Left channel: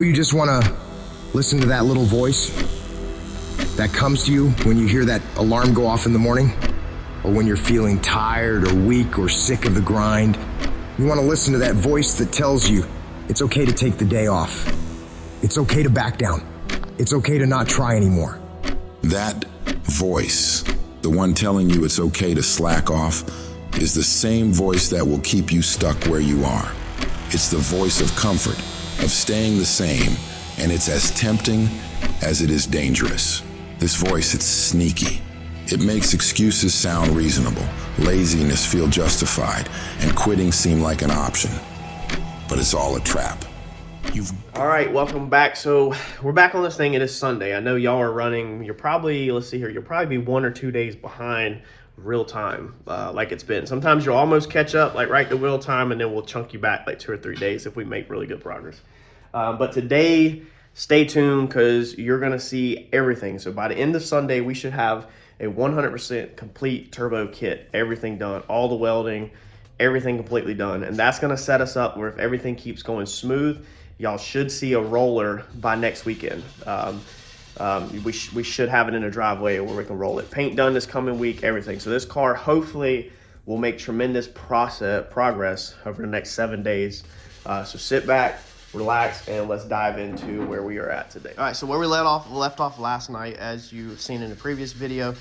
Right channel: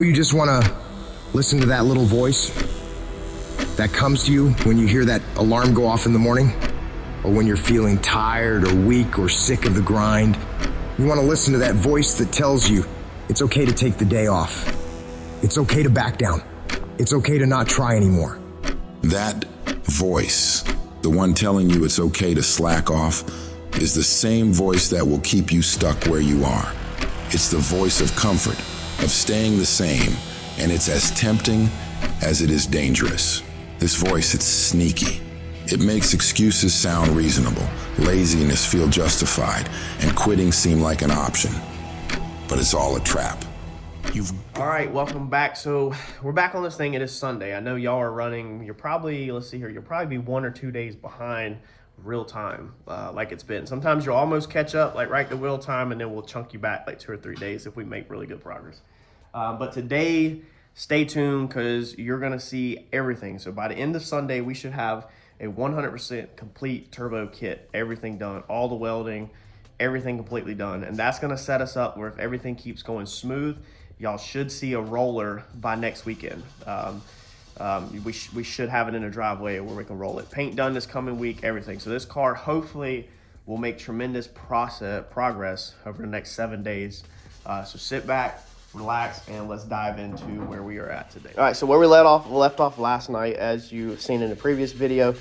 You just want to listen to that little voice that comes to you when you hear that alarm go off in the morning, or when you're feeling tired or weak or sick of the grind. You want to listen to that voice that tells you it's okay to take the day off. It's okay to back down. It's okay to not try anymore. That voice, the one telling you it's okay to slack off, is the same voice that will keep you stuck where you are. It's the voice of comfort, of staying the same, and it's as tempting as it is dangerous. This voice, it's sneaky. It makes excuses sound reasonable, laziness feel justified, and quitting seem like an option. But it's all a trap. All right, welcome back. So we're back on this thing. It is Sunday. I know y'all are running. You're probably, let's see here, you'll probably be 1 or 2 days behind real time, like it's been. Sometimes you'll almost catch up, like right to real time, and then we'll chunk you back like 2 or 3 days if we make really good progress. But today, stay tuned because you're gonna see everything. So by the end of Sunday, we should have a 100% complete turbo kit, everything done, all the welding, everything completely done. And that's gonna set us up where if everything keeps going smooth, y'all should see a roller by next weekend. We should have it in a driveway where we can roll it. Paint done this coming week, everything. So this car hopefully will make tremendous progress over the next 7 days. So sit back, relax, and let's dive into where we are at today. All right, so where we left off last night, as you've seen in the previous video,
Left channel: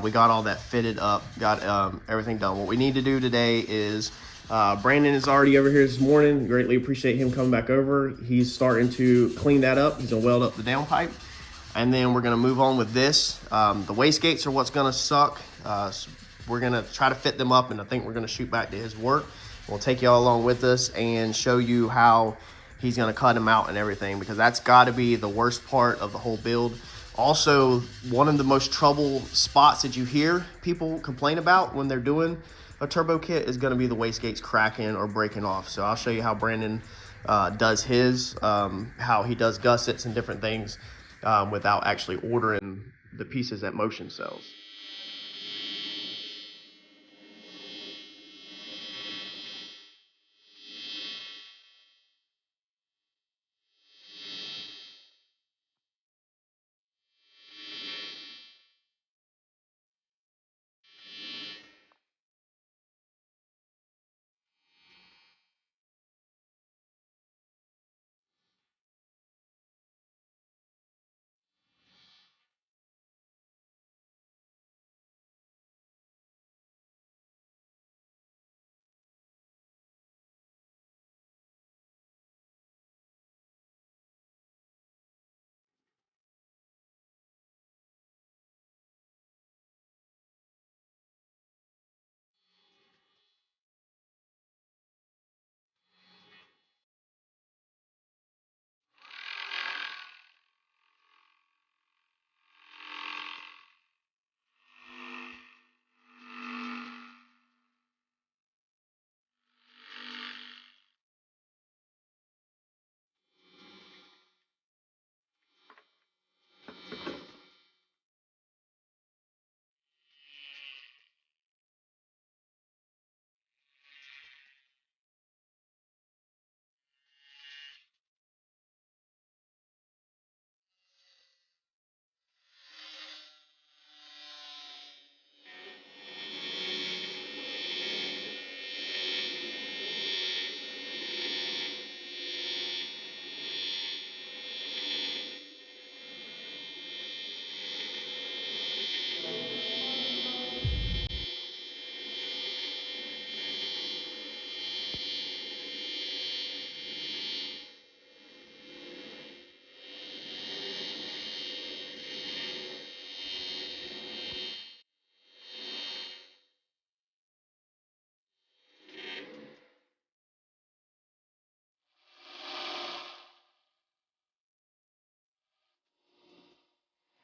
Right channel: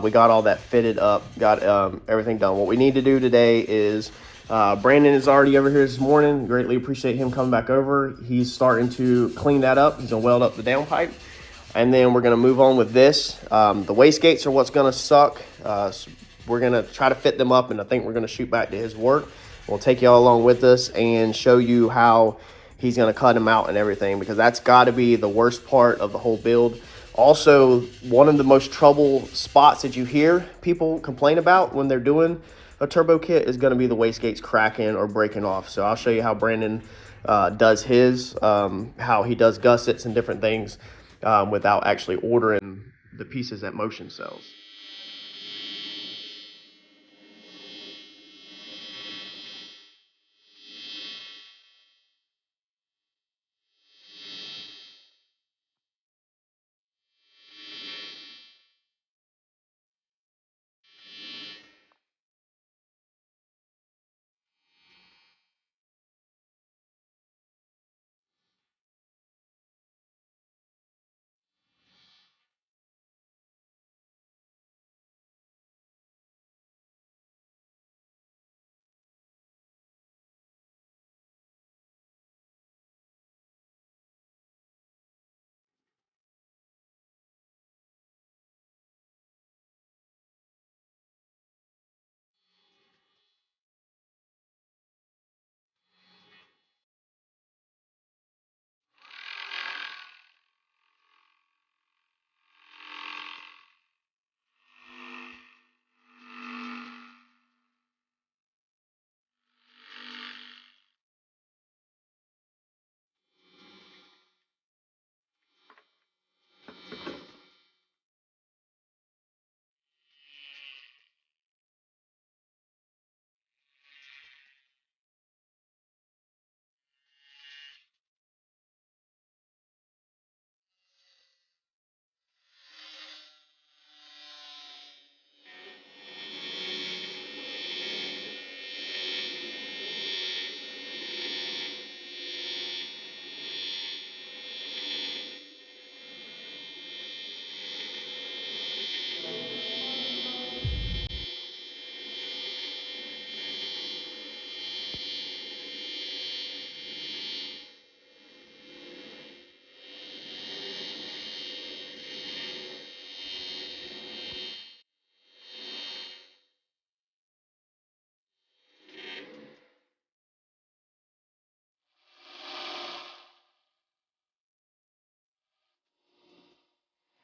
we got all that fitted up, got everything done. What we need to do today is, Brandon is already over here this morning. Greatly appreciate him coming back over. He's starting to clean that up. He's gonna weld up the downpipe. And then we're gonna move on with this. The wastegates are what's gonna suck. So we're gonna try to fit them up, and I think we're gonna shoot back to his work. We'll take y'all along with us and show you how he's gonna cut them out and everything, because that's gotta be the worst part of the whole build. Also, one of the most trouble spots that you hear people complain about when they're doing a turbo kit is gonna be the wastegates cracking or breaking off. So I'll show you how Brandon does his, how he does gussets and different things without actually ordering the pieces that Motion sells.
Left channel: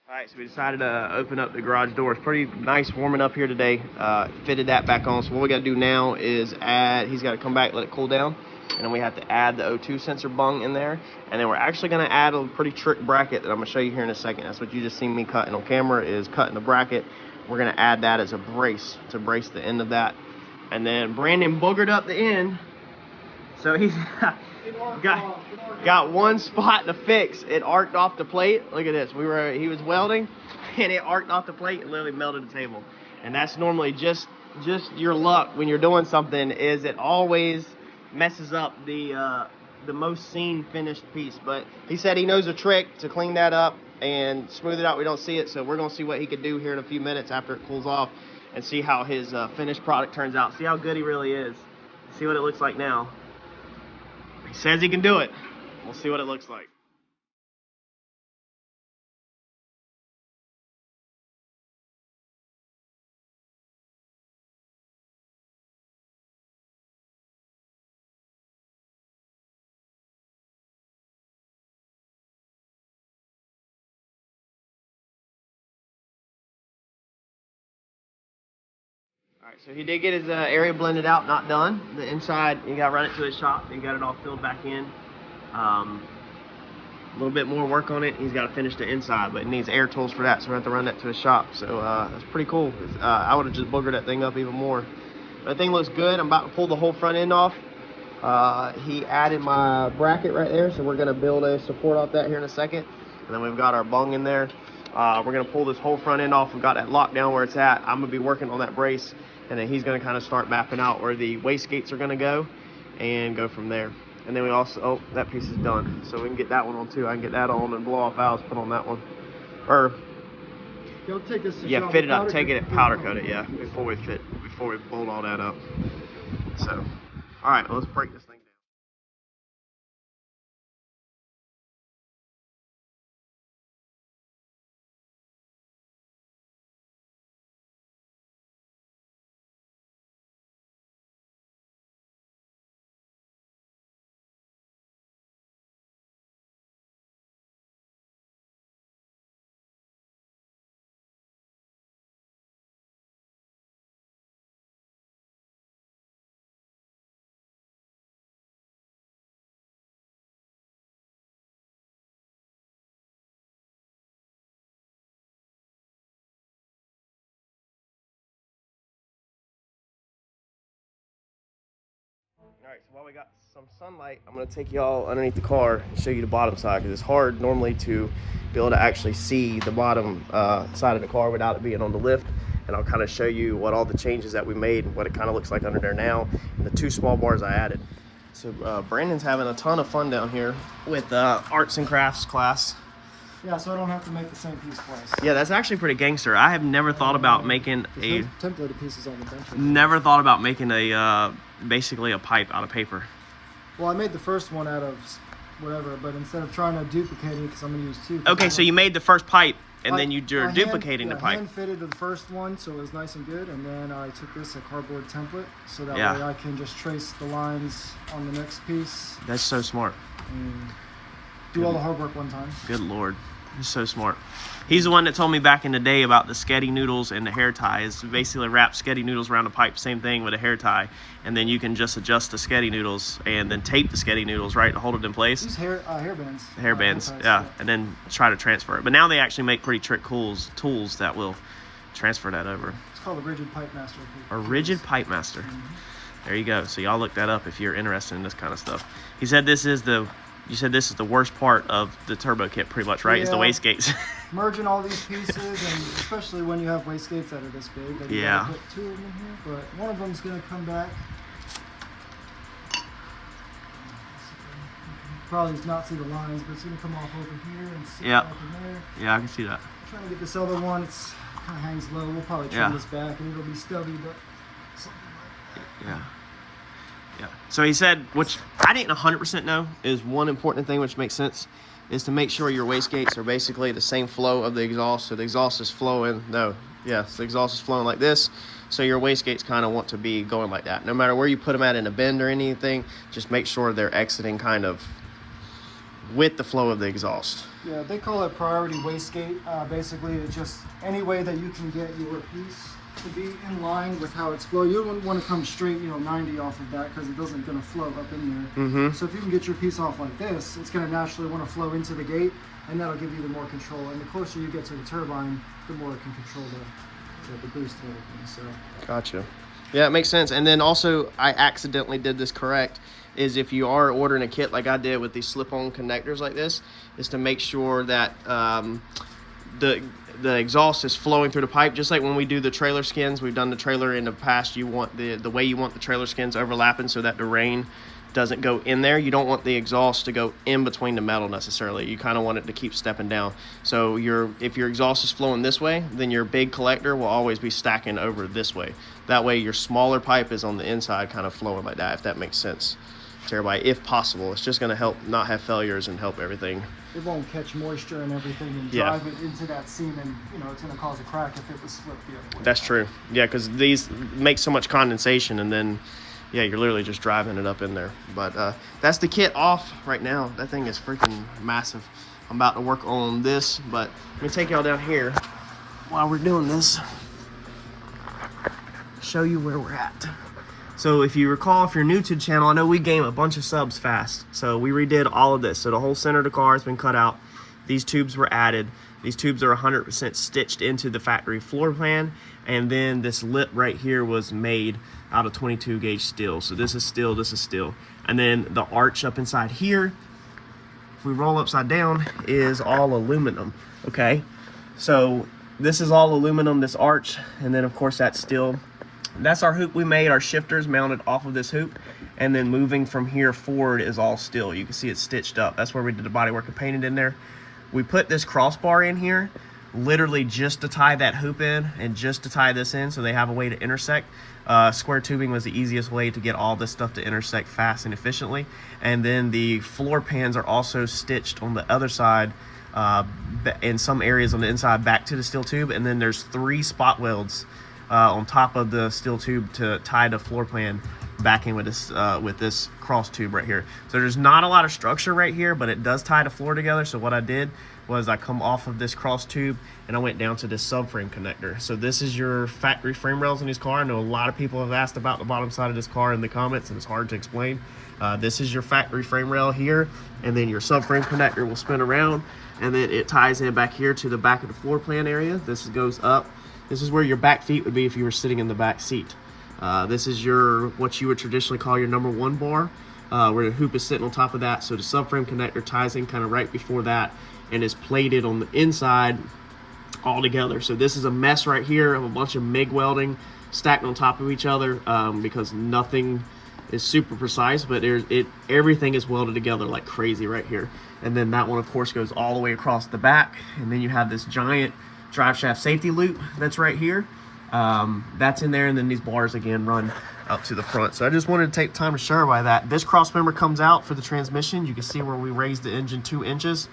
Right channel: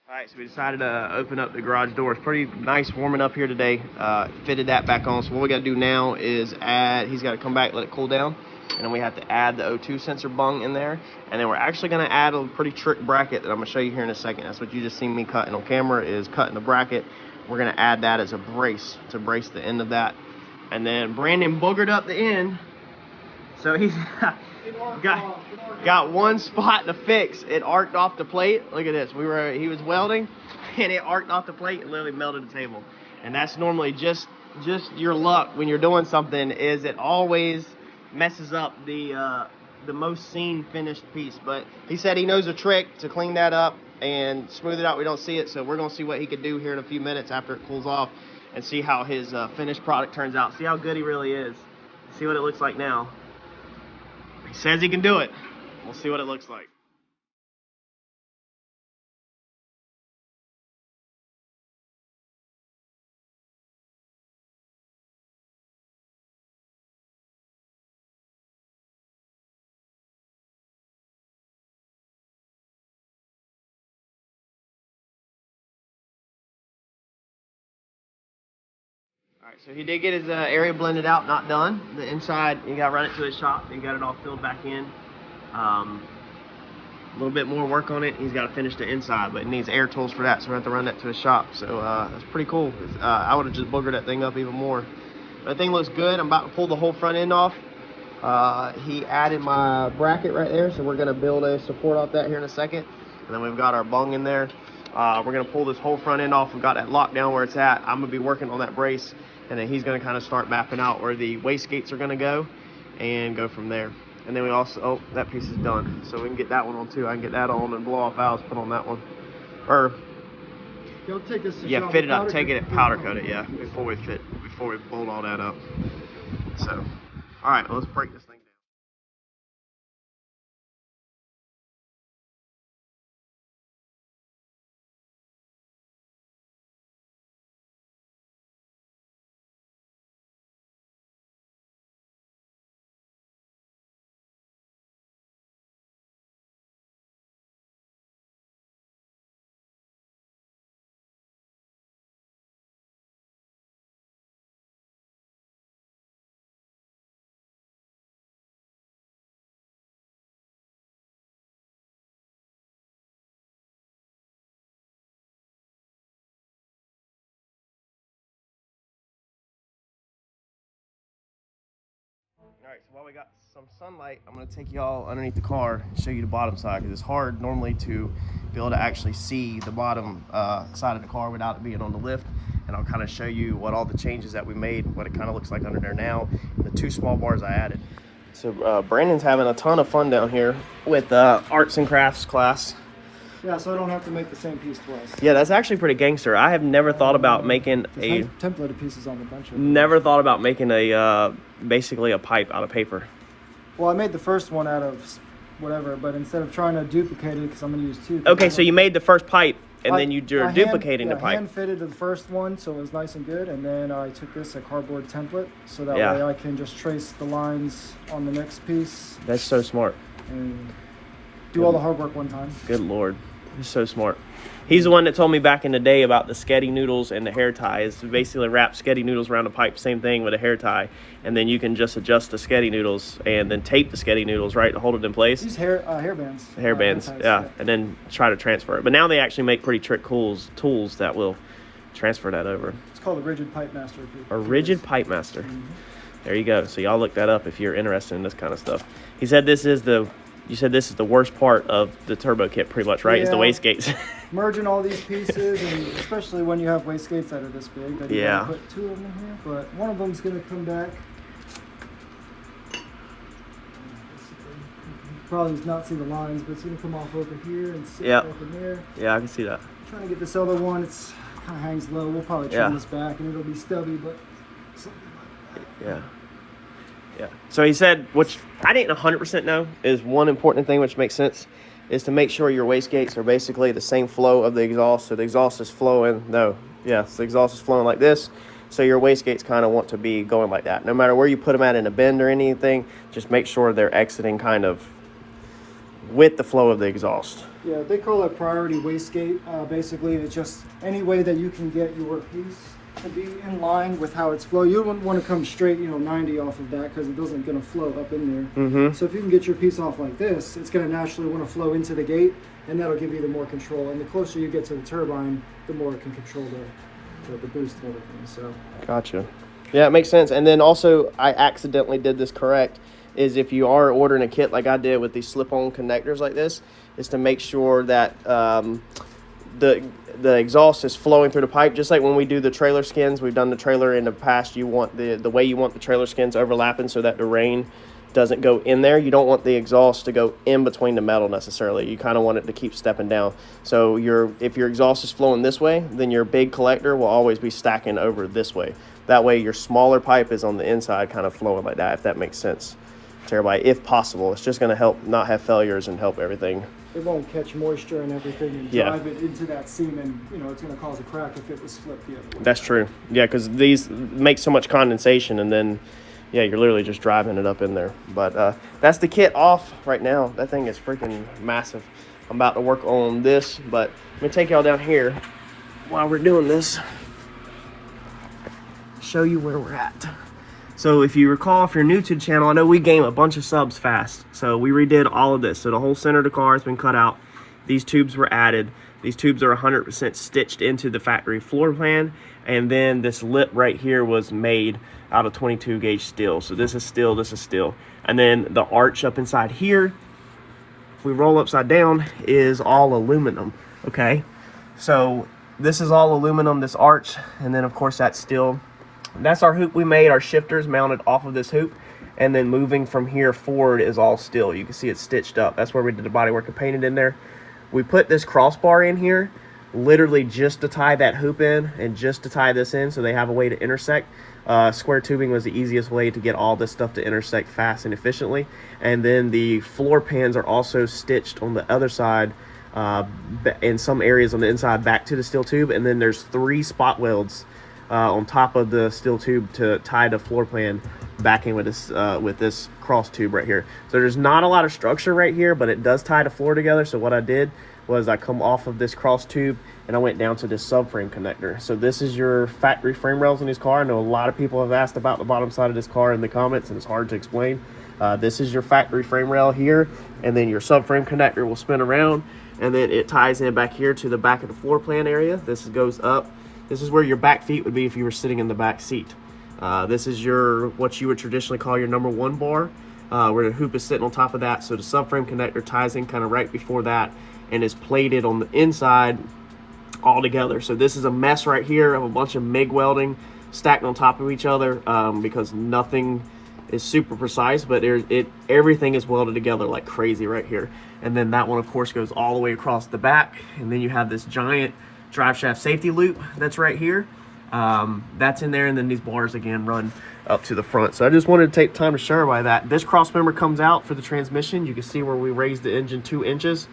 All right, so we decided to open up the garage door. It's pretty nice warming up here today. Fitted that back on. So what we got to do now is add, he's got to come back, let it cool down. And then we have to add the O2 sensor bung in there. And then we're actually going to add a pretty trick bracket that I'm going to show you here in a second. That's what you just seen me cutting on camera, is cutting the bracket. We're going to add that as a brace to brace the end of that. And then Brandon boogered up the end. So Got one spot to fix. It arced off the plate. Look at this. He was welding, and it arced off the plate and literally melted the table. And that's normally just your luck when you're doing something. Is it always messes up the most seen finished piece? But he said he knows a trick to clean that up and smooth it out. We don't see it, so we're gonna see what he could do here in a few minutes after it cools off, and see how his finished product turns out. See how good he really is. See what it looks like now. He says he can do it. We'll see what it looks like. Alright, so he did get his area blended out, not done. The inside, you got to run it to his shop. He got it all filled back in. A little bit more work on it. He's got to finish the inside, but it needs air tools for that, so we have to run that to his shop. So that's pretty cool. I would have just boogered that thing up even more. But the thing looks good. I'm about to pull the whole front end off. He added my bracket right there, so we're going to build a support off that here in a second. And then we've got our bung in there. We're going to pull this whole front end off. We've got that locked down where it's at. I'm going to be working on that brace, and then he's going to kind of start mapping out where the wastegates are going to go and go from there. And then we also, oh, that piece is done. So we can get that one on too. I can get that on and blow off valves, put on that one. Or, You'll take this to yeah, fit it up, take it and powder coat it, yeah, before we bolt all that up. So, all right, let's break this thing down. All right, so while we got some sunlight, I'm gonna take y'all underneath the car and show you the bottom side, because it's hard normally to be able to actually see the bottom side of the car without it being on the lift. And I'll kind of show you what all the changes that we made, what it kind of looks like under there now, and the 2 small bars I added. So Brandon's having a ton of fun down here with arts and crafts class. Yeah, so I don't have to make the same piece twice. Yeah, that's actually pretty gangster. I have never thought about making a templated pieces on the bench. Never thought about making a basically a pipe out of paper. Well, I made the first one out of whatever, but instead of trying to duplicate it, because I'm going to use 2. Okay, so you made the first pipe, and then you're duplicating the pipe. I hand fitted the first one, so it was nice and good, and then I took this, a cardboard template, so that way I can just trace the lines on the next piece. That's so smart. And do all the hard work one time. Good Lord. He's so smart. He's the one that told me back in the day about the sketty noodles and the hair tie. It's basically wrap sketty noodles around a pipe, same thing with a hair tie, and then you can just adjust the sketty noodles and then tape the sketty noodles, right, to hold it in place. Use hair bands. Hair bands, yeah, and then try to transfer it. But now they actually make pretty trick tools that will transfer that over. It's called a rigid pipe master. A rigid pipe master. Mm-hmm. There you go. So y'all look that up if you're interested in this kind of stuff. He said this is the worst part of the turbo kit, pretty much, right? Yeah. Is the wastegates. Merging all these pieces, and especially when you have wastegates that are this big. Yeah. Put 2 of them in here, but one of them's gonna come back. Probably not see the lines, but it's gonna come off over here and sit back in there. Yeah, I can see that. I'm trying to get this other one. It's kind of hangs low. We'll probably trim this back, and it'll be stubby, but something like that. Yeah. Yeah. So he said, which I didn't 100% know, is one important thing which makes sense, is to make sure your wastegates are basically the same flow of the exhaust. So the exhaust is flowing. The exhaust is flowing like this. So your wastegates kind of want to be going like that. No matter where you put them at in a bend or anything, just make sure they're exiting kind of with the flow of the exhaust. Yeah, they call it priority wastegate. Basically, it's just any way that you can get your piece to be in line with how it's flowing. You wouldn't want to come straight, 90 off of that, because it doesn't going to flow up in there. Mm-hmm. So if you can get your piece off like this, it's going to naturally want to flow into the gate, and that'll give you the more control. And the closer you get to the turbine, the more it can control the boost and everything. So gotcha. Yeah, it makes sense. And then also, I accidentally did this correct. is if you are ordering a kit like I did with these slip-on connectors like this, is to make sure that the exhaust is flowing through the pipe. Just like when we do the trailer skins, we've done the trailer in the past, you want the way you want the trailer skins overlapping so that the rain doesn't go in there. You don't want the exhaust to go in between the metal necessarily. You kind of want it to keep stepping down. So if your exhaust is flowing this way, then your big collector will always be stacking over this way. That way your smaller pipe is on the inside kind of flowing like that, if that makes sense to everybody, if possible. It's just going to help not have failures and help everything. It won't catch moisture and everything and drive it into that seam, and you know it's going to cause a crack if it was flipped the other way. That's true. Yeah, because these make so much condensation, and then yeah, you're literally just driving it up in there. But that's the kit off right now. That thing is freaking massive. I'm about to work on this, but let me take y'all down here while we're doing this, show you where we're at. So if you recall, if you're new to the channel, I know we gained a bunch of subs fast. So we redid all of this. So the whole center of the car has been cut out. These tubes were added. These tubes are 100% stitched into the factory floor plan. And then this lip right here was made out of 22 gauge steel. So this is steel, this is steel. And then the arch up inside here, if we roll upside down, is all aluminum, okay? So this is all aluminum, this arch, and then of course that's steel. That's our hoop we made. Our shifter's mounted off of this hoop, and then moving from here forward is all steel. You can see it's stitched up. That's where we did the bodywork and painted in there. We put this crossbar in here literally just to tie that hoop in and just to tie this in so they have a way to intersect. Square tubing was the easiest way to get all this stuff to intersect fast and efficiently. And then the floor pans are also stitched on the other side, in some areas on the inside back to the steel tube, and then there's 3 spot welds on top of the steel tube to tie the floor plan back in with this cross tube right here. So there's not a lot of structure right here, but it does tie the floor together. So what I did was I come off of this cross tube and I went down to this subframe connector. So this is your factory frame rails in this car. I know a lot of people have asked about the bottom side of this car in the comments, and it's hard to explain. This is your factory frame rail here, and then your subframe connector will spin around, and then it ties in back here to the back of the floor plan area. This goes up. This is where your back feet would be if you were sitting in the back seat. This is what you would traditionally call your number 1 bar, where the hoop is sitting on top of that. So the subframe connector ties in kind of right before that and is plated on the inside all together. So this is a mess right here of a bunch of MIG welding stacked on top of each other, because nothing is super precise, but everything is welded together like crazy right here. And then that one of course goes all the way across the back, and then you have this giant drive shaft safety loop that's right here. That's in there, and then these bars again run up to the front. So I just wanted to take time to show everybody that. This cross member comes out for the transmission. You can see where we raised the engine 2 inches.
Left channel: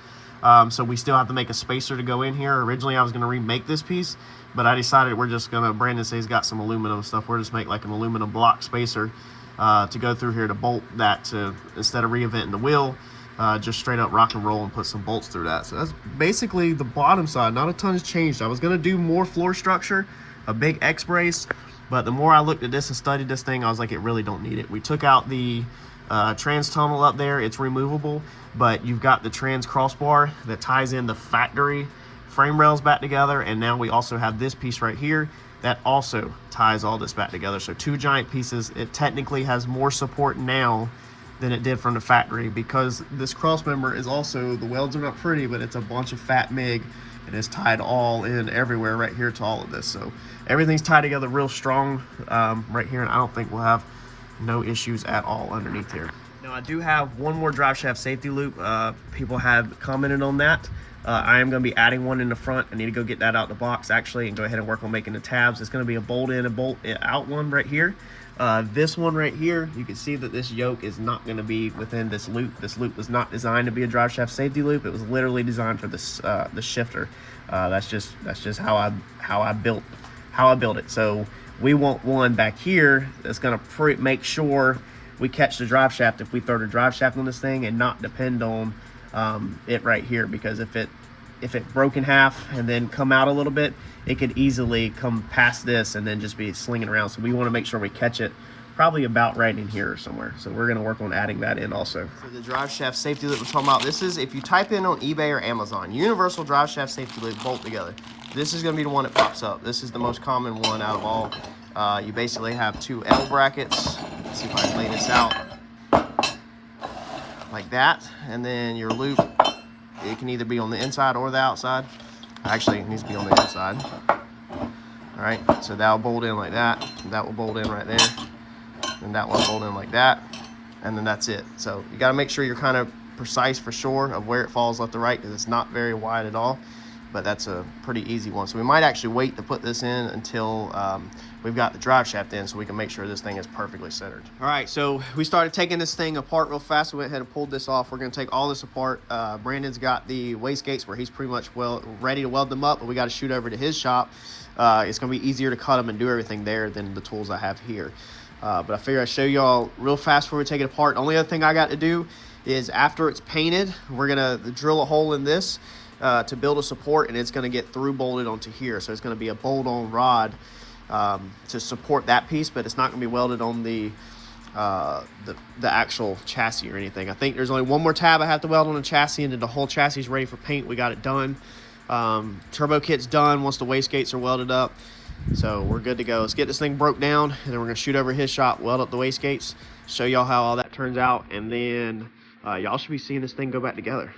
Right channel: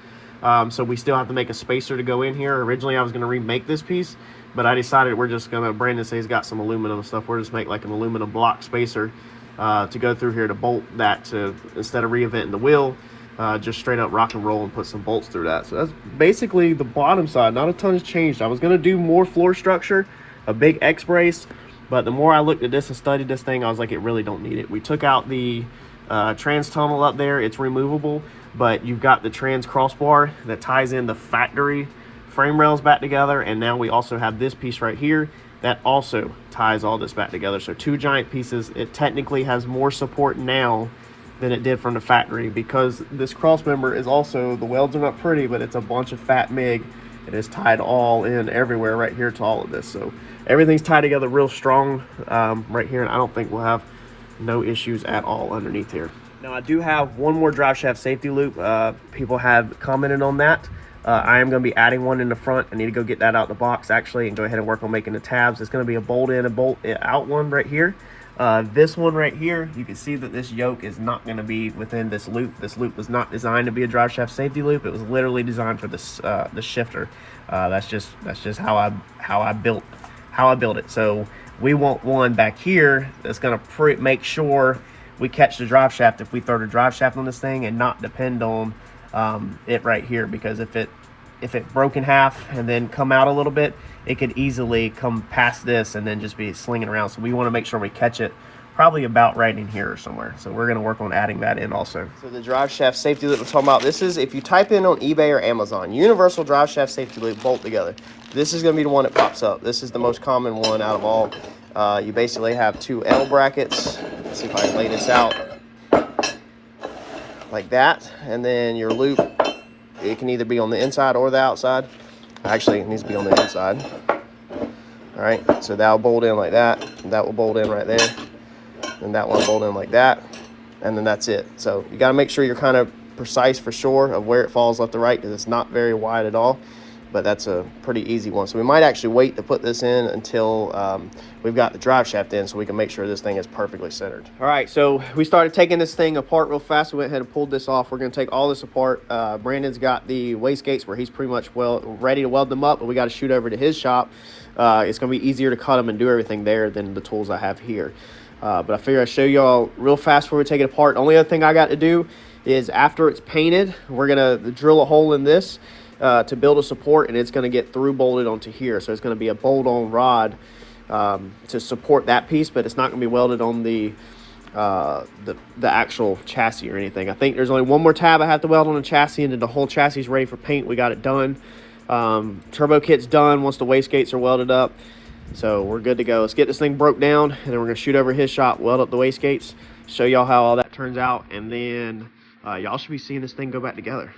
So we still have to make a spacer to go in here. Originally I was going to remake this piece, but I decided we're just going to, Brandon says he's got some aluminum stuff, we're just make like an aluminum block spacer to go through here to bolt that, to instead of reinventing the wheel, just straight up rock and roll and put some bolts through that. So that's basically the bottom side. Not a ton has changed. I was going to do more floor structure, a big X brace, but the more I looked at this and studied this thing, I was like, it really don't need it. We took out the trans tunnel up there. It's removable, but you've got the trans crossbar that ties in the factory frame rails back together, and now we also have this piece right here that also ties all this back together. So 2 giant pieces. It technically has more support now than it did from the factory, because this cross member is also, the welds are not pretty, but it's a bunch of fat MIG. It is tied all in everywhere right here to all of this. So everything's tied together real strong right here, and I don't think we'll have no issues at all underneath here. Now I do have one more drive shaft safety loop. People have commented on that. I am going to be adding one in the front. I need to go get that out of the box actually and go ahead and work on making the tabs. It's going to be a bolt in and bolt out one right here. This one right here, you can see that this yoke is not going to be within this loop. This loop was not designed to be a drive shaft safety loop. It was literally designed for this the shifter. That's just how I built it. So we want one back here that's going to make sure we catch the drive shaft if we throw the drive shaft on this thing, and not depend on it right here, because if it broke in half and then come out a little bit, it could easily come past this and then just be slinging around. So we want to make sure we catch it probably about right in here or somewhere. So we're going to work on adding that in also. So the drive shaft safety loop we're talking about, this is, if you type in on eBay or Amazon, universal drive shaft safety loop bolt together, this is going to be the one that pops up. This is the most common one out of all. You basically have 2 L brackets. Let's see if I can lay this out. like that, and then your loop, it can either be on the inside or the outside. Actually, it needs to be on the inside. All right, so that'll bolt in like that, and that will bolt in right there, and that one will bolt in like that, and then that's it. So you got to make sure you're kind of precise for sure of where it falls left to right, because it's not very wide at all, but that's a pretty easy one. So we might actually wait to put this in until we've got the drive shaft in, so we can make sure this thing is perfectly centered. All right, so we started taking this thing apart real fast. We went ahead and pulled this off. We're gonna take all this apart. Brandon's got the wastegates where he's pretty much ready to weld them up, but we got to shoot over to his shop. It's gonna be easier to cut them and do everything there than the tools I have here. But I figure I'd show y'all real fast before we take it apart. The only other thing I got to do is after it's painted, we're gonna drill a hole in this to build a support, and it's gonna get through bolted onto here. So it's gonna be a bolt-on rod to support that piece, but it's not gonna be welded on the actual chassis or anything. I think there's only one more tab I have to weld on the chassis, and then the whole chassis is ready for paint. We got it done. Turbo kit's done once the wastegates are welded up, so we're good to go. Let's get this thing broke down, and then we're gonna shoot over his shop, weld up the wastegates, show y'all how all that turns out, and then y'all should be seeing this thing go back together.